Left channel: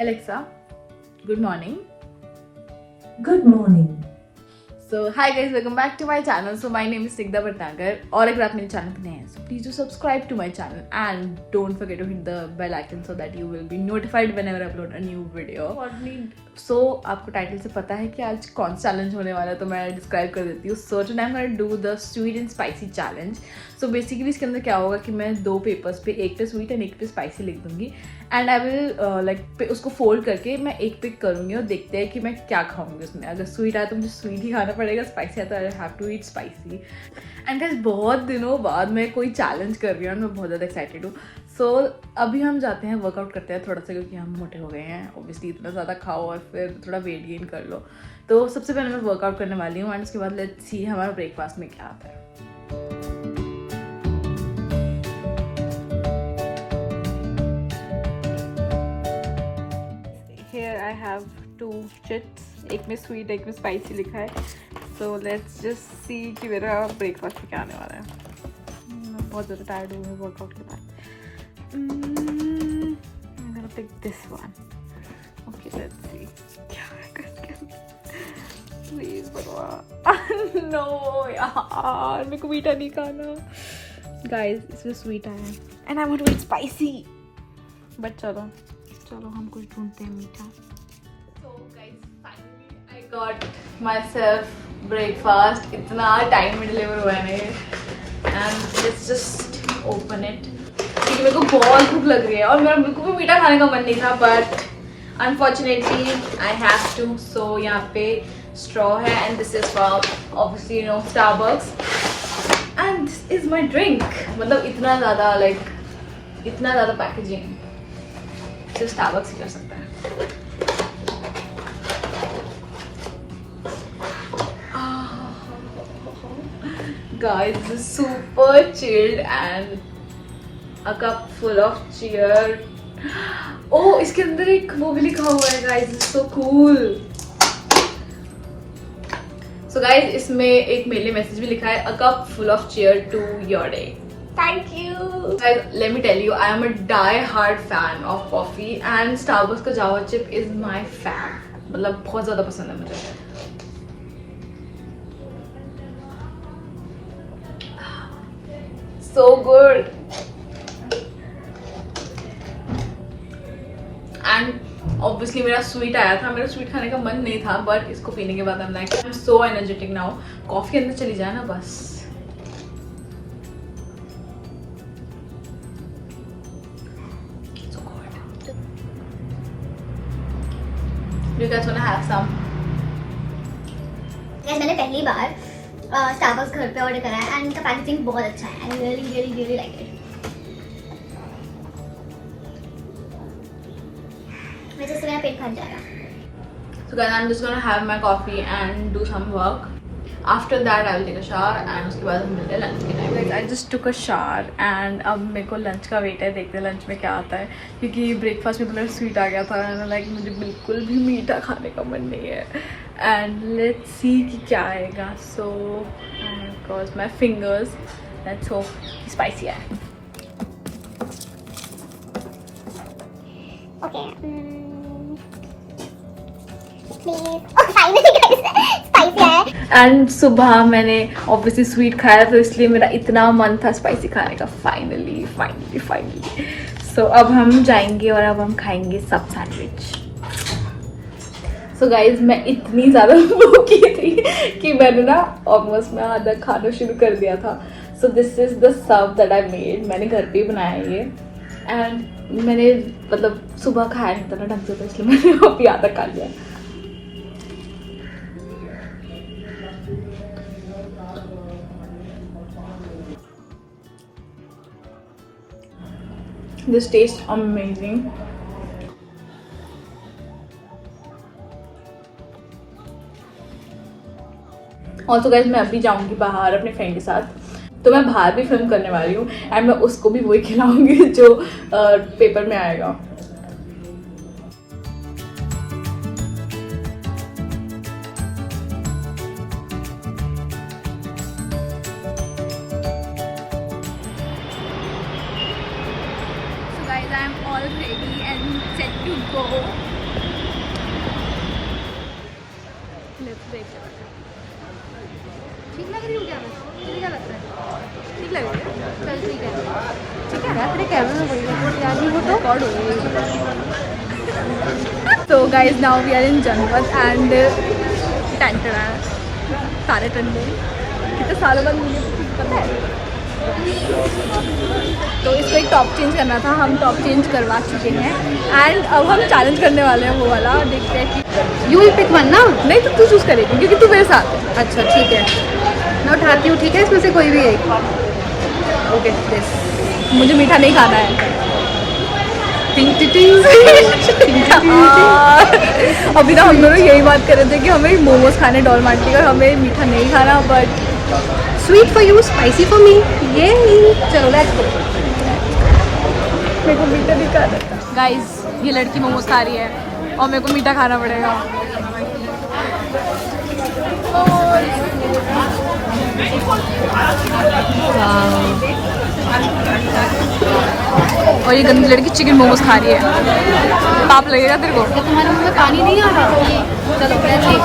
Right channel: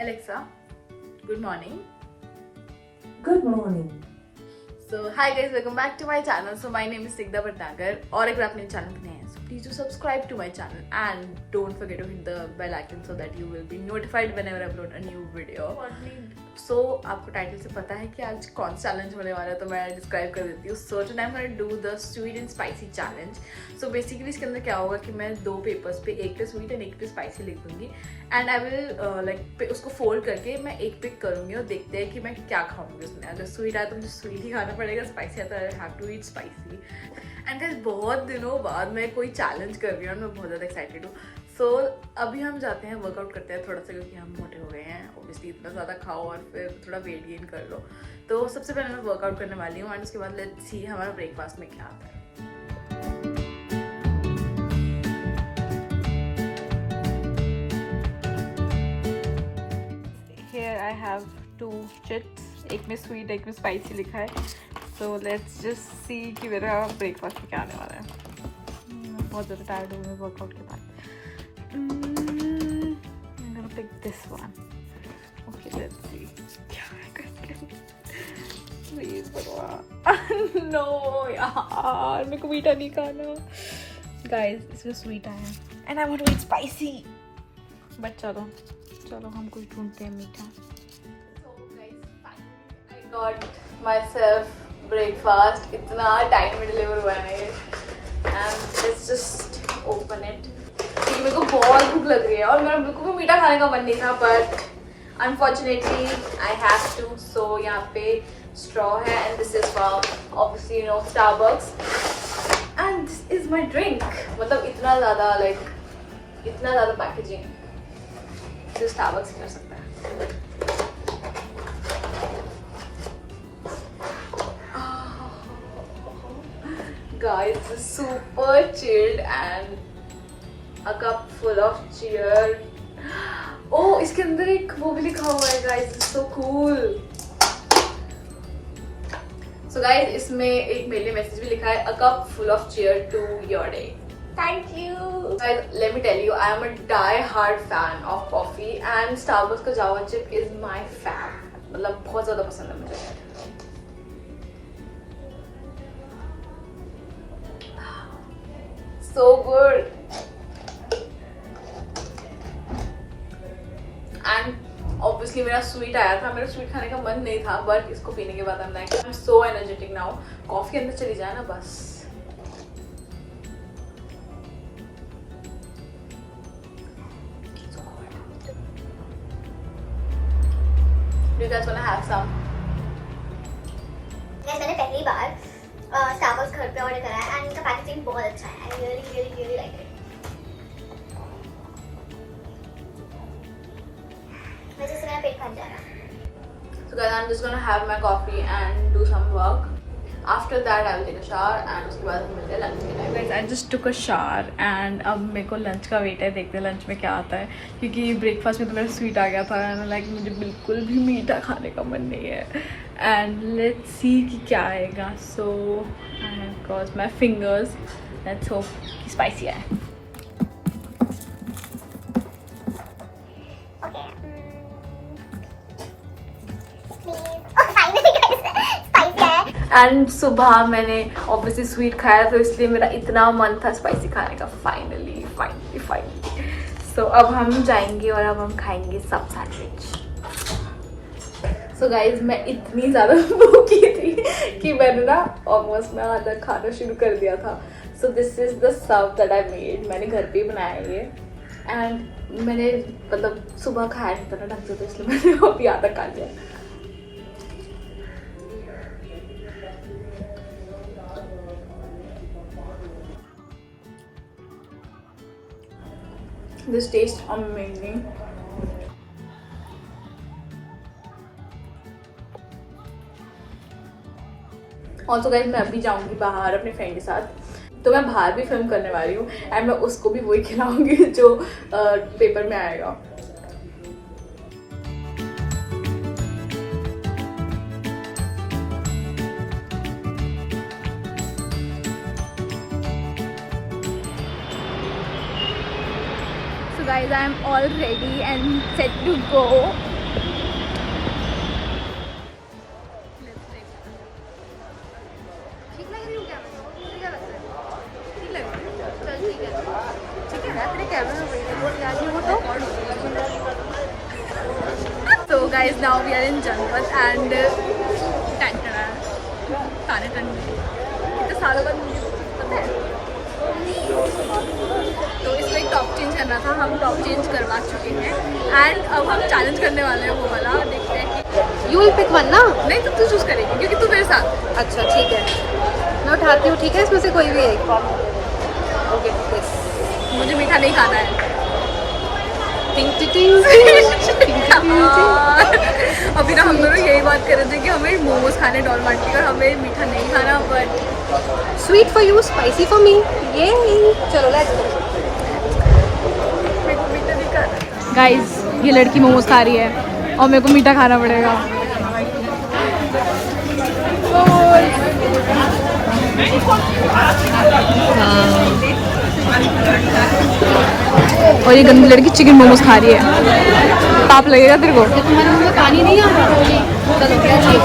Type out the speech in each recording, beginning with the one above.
Alexa, good morning. Good morning. So hi guys, welcome back to my channel. So my name is Snigdha Bhatnagar. और अगर आप मेरे channel पर नए हैं so please do subscribe to my channel and don't forget to hit the bell icon so that you will be notified whenever I upload a new video. So आपको title से पता है कि आज कौन सा चैलेंज होने वाला है, तो मैं डिस्क्राइब कर देती हूँ. So today I'm gonna do the sweet and spicy challenge. So basically इसके अंदर क्या होगा कि मैं दो पेपर्स पे, एक पे स्वीट एंड एक पे स्पाइसी लिख दूंगी एंड आई विल उसको फोल्ड करके मैं एक पिक करूँगी और देखते हैं कि मैं क्या खाऊंगी उसमें. अगर स्वीट आया तो मुझे स्वीट ही खाना पड़ेगा, स्पाइसी आता है I have to eat spicy. And guys बहुत दिनों बाद मैं कोई चैलेंज कर रही हूँ और मैं बहुत ज़्यादा एक्साइटेड हूँ. सो अभी हम जाते हैं, वर्कआउट करते हैं थोड़ा सा, क्योंकि हम मोटे हो गए हैं. ऑब्वियसली इतना ज़्यादा खाओ और फिर थोड़ा वेट गेन कर लो. तो सबसे पहले मैं वर्कआउट करने वाली हूँ एंड उसके बाद लेट्स सी हमारा ब्रेकफास्ट में क्या आता है. Here I have two chips, एक में स्वीट एक में स्पाइसी लिखा है. सो लेट्स जस्ट सी कि मेरा ब्रेकफास्ट में क्या आने वाला है. बहुत ज़्यादा टायर्ड हूँ वर्कआउट के बाद. I'm gonna pick this one. Okay, let's see. Please, no यार मेरे को मीठा नहीं खाना. Guys, इसमें स्वीट आया and I want to eat spicy. But चलो हम कुछ ढूंढते हैं मीठा. So guys, finally I got myself breakfast. इतना टाइम में डिलीवर हुआ है ना, and let's just open it. क्योंकि मेरे को बहुत भूख लग रही है और मेरा बिल्कुल भी मीठा खाने का मन नहीं था, but unfortunately I have to. So यहाँ पे स्ट्रॉ है and this is for obviously you know Starbucks and this is my drink. मतलब इतना ज़्यादा पैकेजिंग सिर्फ स्टारबक्स कर सकता है. Guys, this is super chilled and a cup full of cheer. Oh, इसके अंदर एक वो भी लिखा हुआ है guys, this is so cool. So guys, इसमें एक मेरे लिए मैसेज भी लिखा है, a cup full of cheer to your day. Thank you. Guys, let me tell you, I am a die-hard fan of coffee and Starbucks का Java chip is my fan. मतलब बहुत ज़्यादा पसंद है मुझे. So good. And obviously मेरा sweet आया था, मेरा स्वीट खाने का मन नहीं था, बट इसको पीने के बाद I'm like I'm so energetic now. Coffee अंदर चली जाए ना बस. So good. You guys wanna have some? मैंने पहली बार स्टारबक्स घर पे ऑर्डर करा है एंड इनका पैकेजिंग बहुत अच्छा है एंड रियली लाइक इट. वैसे से मेरा पेट भर जाएगा. So guys, I'm just gonna have my coffee and do some work. After that, I will take a shower and उसके बाद हम मिलते हैं लंच के time. Guys, I just took a shower and अब मेरे को लंच का वेट है, देखते हैं लंच में क्या आता है, क्योंकि ब्रेकफास्ट में तो मेरा स्वीट आ गया था एंड लाइक मुझे बिल्कुल भी मीठा खाने का मन नहीं है. एंड लेट्स सी कि क्या आएगा. So I have crossed my fingers. Let's hope कि स्पाइसी आए. Okay please finally guys spicy है. एंड सुबह मैंने ऑब्वियसली स्वीट खाया तो इसलिए मेरा इतना मन था स्पाइसी खाने का. फाइनली सो अब हम जाएंगे और अब हम खाएंगे सब सैंडविच. सो गाइज मैं इतनी ज़्यादा भूखी थी कि मैंने ना ऑलमोस्ट मैं आधा खाना शुरू कर दिया था. So this is the sub that I made. मैंने घर पे ही बनाया ये एंड मैंने मतलब सुबह खाया नहीं था ना ढंग से, तो इसलिए मैंने अभी आधा खा लिया. This tastes amazing. Also guys, मैं अभी जाऊंगी बाहर अपने फ्रेंड के साथ, तो मैं बाहर भी फिल्म करने वाली हूँ एंड मैं उसको भी वही खिलाऊंगी जो पेपर में आएगा. So guys, I am all ready and set to go. क्यों क्या तुझे क्या लगता है? ठीक लगेगा? चल ठीक है यार, तेरे कैमरे में वही देखो यार, ये वो तो रिकॉर्ड हो गई। So guys, now we are in Janpat and सारे टंडे कितने सालों बाद मुझे पता है। तो इसको एक टॉप चेंज करना था, हम टॉप चेंज करवा चुके हैं एंड अब हम चैलेंज करने वाले हैं वो वाला। देखते हैं कि यू विल पिक वन ना? नहीं तो तू चूज करेगी क्योंकि तू मेरे साथ है। अच्छा ठीक है, मैं उठाती हूँ, ठीक है, इसमें से कोई भी एक। ओके दिस, मुझे मीठा नहीं खाना है। टिंग टिंग टिंग। अभी ना हम दोनों यही बात कर रहे थे कि हमें मोमोज खाने डॉल मार्टी और हमें मीठा नहीं खाना, but sweet for you, spicy for me. ये चलो लेट्स गो। मेरे को मीठा नहीं खाना। गाइस, ये लड़की मोमोज खा रही है और मेरे को मीठा खाना पड़ेगा। और ये गंदी लड़की चिकन मोमोज खा रही है, पाप लगेगा तेरे को। तुम्हारे मुंह में पानी नहीं आ रहा?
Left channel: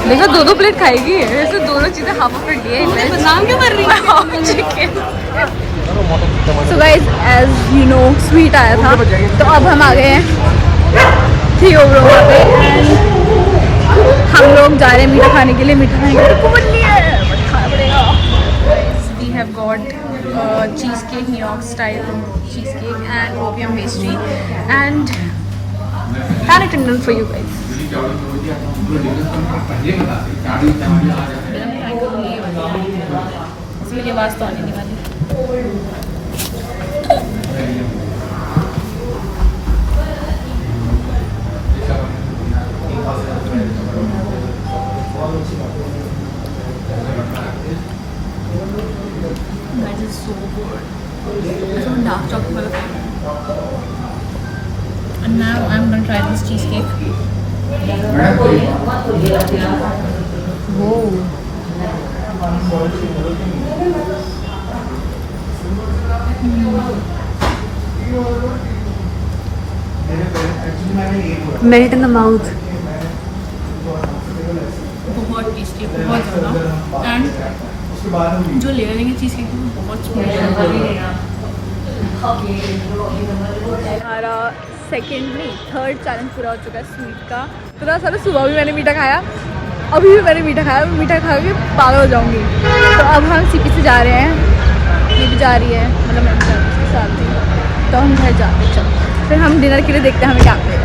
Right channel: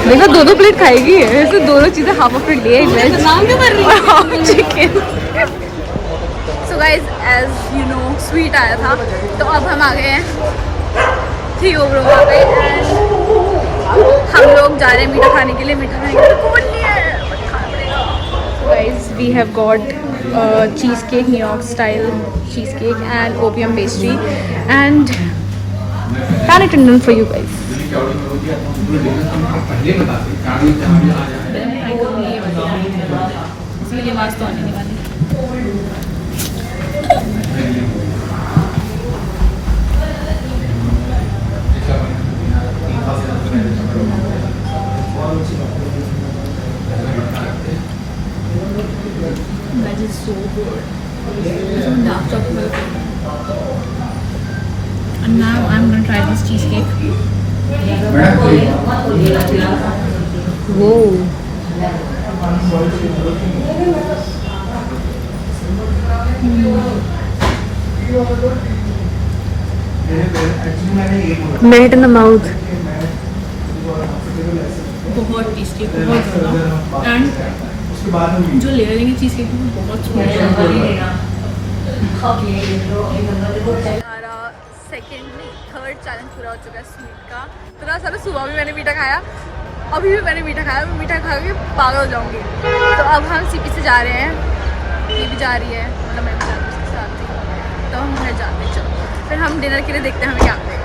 देखो 2-2 प्लेट खाएगी, ऐसे दोनों चीजें हाफ ऑफ प्लेट लिए नाम क्यों कर रही है? Chicken. So guys, as you know sweet आया था, तो अब हम आ गए हैं थियोब्रोमा पे एंड हम लोग जा रहे हैं मीठा खाने के लिए। मीठा खाने के लिए को नहीं है, बट खाना पड़ेगा। Guys, we have got cheesecake, New York style cheesecake and opium pastry and panic tendon for you guys. ये आवाज़ तो आने नहीं वाली। That is so good. Dark chocolate. And now I'm gonna try this cheesecake. Whoa. Melt in the mouth. बहुत tasty, बहुत ज़्यादा। And जो लेयरिंग है चीज़ केक की बहुत स्मूथ है। हमारा सेकेंड नहीं थर्ड चैलेंज पूरा हो चुका है स्वीट का। तो ना सारा सुबह भी मैंने मीठा खाया, अभी भी मैंने मीठा खाया, मैं मीठा खा के पागल हो जाऊँगी। तो अब हम सीपी से जा रहे हैं, ये भी जा रही है, मतलब मैं भी जा रही हूँ उसके साथ ही। तो हम घर जाते हैं, चलो फिर हम डिनर के लिए देखते हैं हमें क्या मिलेगा।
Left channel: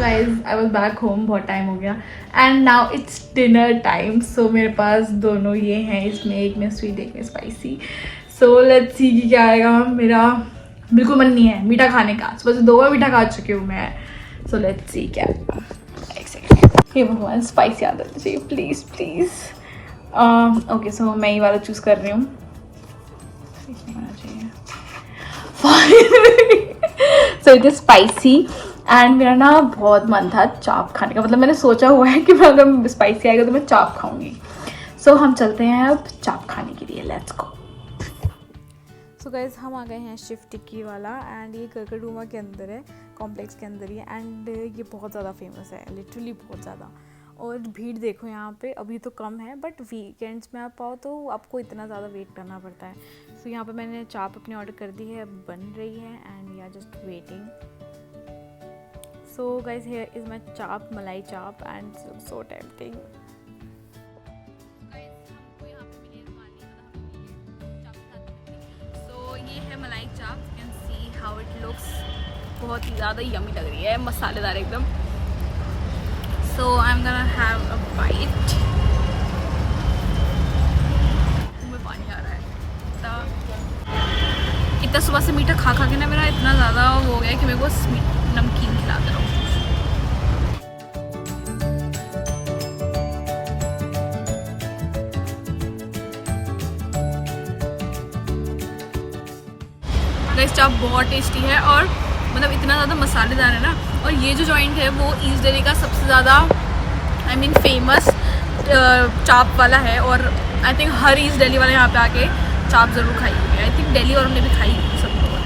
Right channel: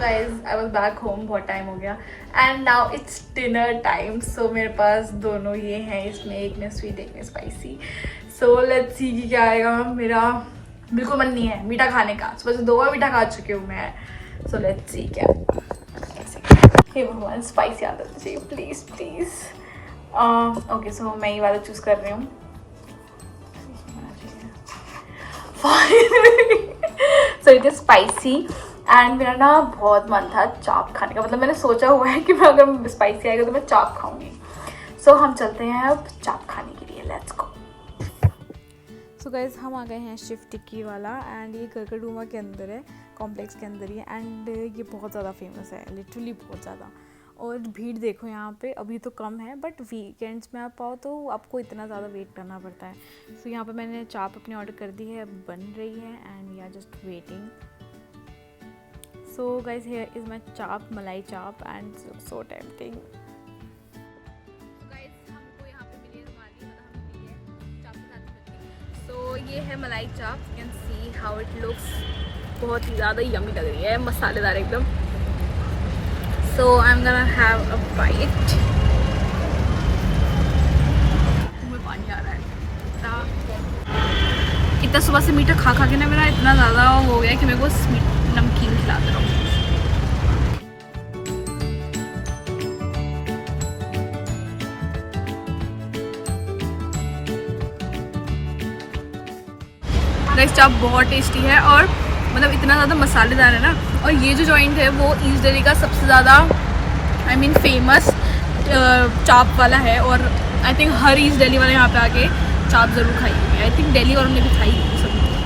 Guys, I was back home, बहुत टाइम हो गया and now it's dinner time. So मेरे पास दोनों ये हैं, इसमें एक में स्वीट एक में स्पाइसी। सो लेट्स सी कि क्या आएगा। मेरा बिल्कुल मन नहीं है मीठा खाने का, सुबह से 2 बार मीठा खा चुकी हूँ मैं। सो लेट्स सी क्या। एक सेकेंड, हे भगवान, स्पाइसी आ जाना चाहिए प्लीज़ प्लीज़। ओके, सो मैं ये वाला चूज़ कर रही हूँ। So it is spicy and मेरा ना बहुत मन था चाप खाने का, मतलब मैंने सोचा हुआ है कि मैं अगर स्पाइसी आएगा तो मैं चाप खाऊंगी। सो हम चलते हैं अब चाप खाने के लिए, लेट्स गो। सो गाइज, हम आ गए हैं शिव टिक्की वाला एंड ये करकटुमा के अंदर है, कॉम्प्लेक्स के अंदर ही है एंड ये बहुत ज़्यादा फेमस है, लिटरली बहुत ज़्यादा। और भीड़ देखो यहाँ पे, अभी तो कम है बट वीकेंड्स में आप आओ तो आपको इतना ज़्यादा वेट करना पड़ता है। सो यहाँ पे मैंने चाप अपनी ऑर्डर कर दी है, अब बन रही है and we are just waiting. So guys, here is my chap, malai chap, and so tempting. So ये है मलाई चाप, you can see how it looks, बहुत ही ज़्यादा यम्मी लग रही है, मसालेदार एकदम। So I'm gonna have a bite. मुझे पानी आ रहा है, इतना सुबह से मीठा खा खा के ना मेरा इतना ज़्यादा हो गया कि मेरे को नमकीन खिलाते रहो। गाइस, चाप बहुत टेस्टी है और मतलब इतना ज़्यादा मसालेदार है ना। और ये जो जॉइंट है वो ईस्ट दिल्ली का सबसे ज़्यादा फेमस चाप वाला है और I think her east Delhi वाले यहाँ पे आके चाप ज़रूर खाई होगी। आई थिंक दिल्ली वालों ने भी खाई होगी सब लोगों ने।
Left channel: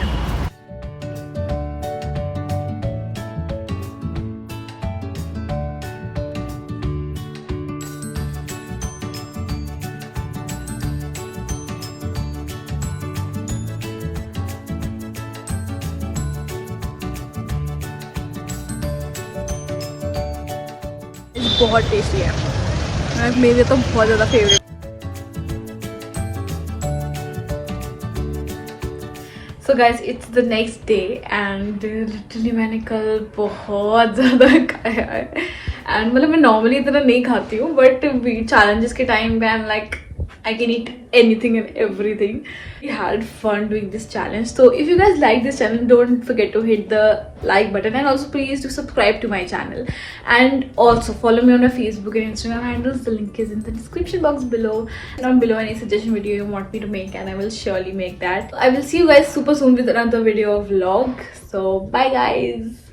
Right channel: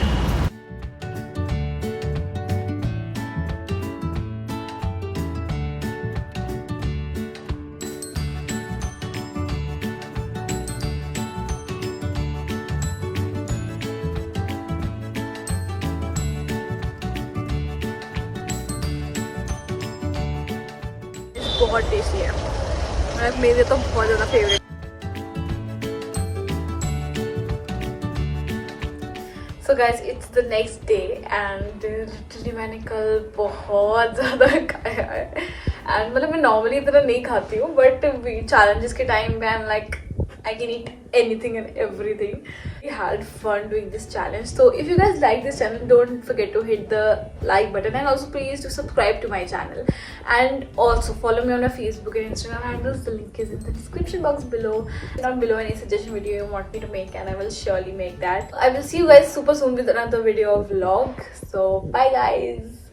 बहुत टेस्टी है, मेरे तो बहुत ज़्यादा favourite. So guys it's the next day and literally मैंने कल बहुत ज़्यादा खाया है एंड मतलब मैं नॉर्मली इतना नहीं खाती हूँ बट चैलेंजेस के टाइम पे I am like I can eat anything and everything. We had fun doing this challenge. So if you guys like this channel, don't forget to hit the like button and also please do subscribe to my channel. And also follow me on my Facebook and Instagram handles. The link is in the description box below. Down below any suggestion video you want me to make and I will surely make that. I will see you guys super soon with another video vlog. So bye guys.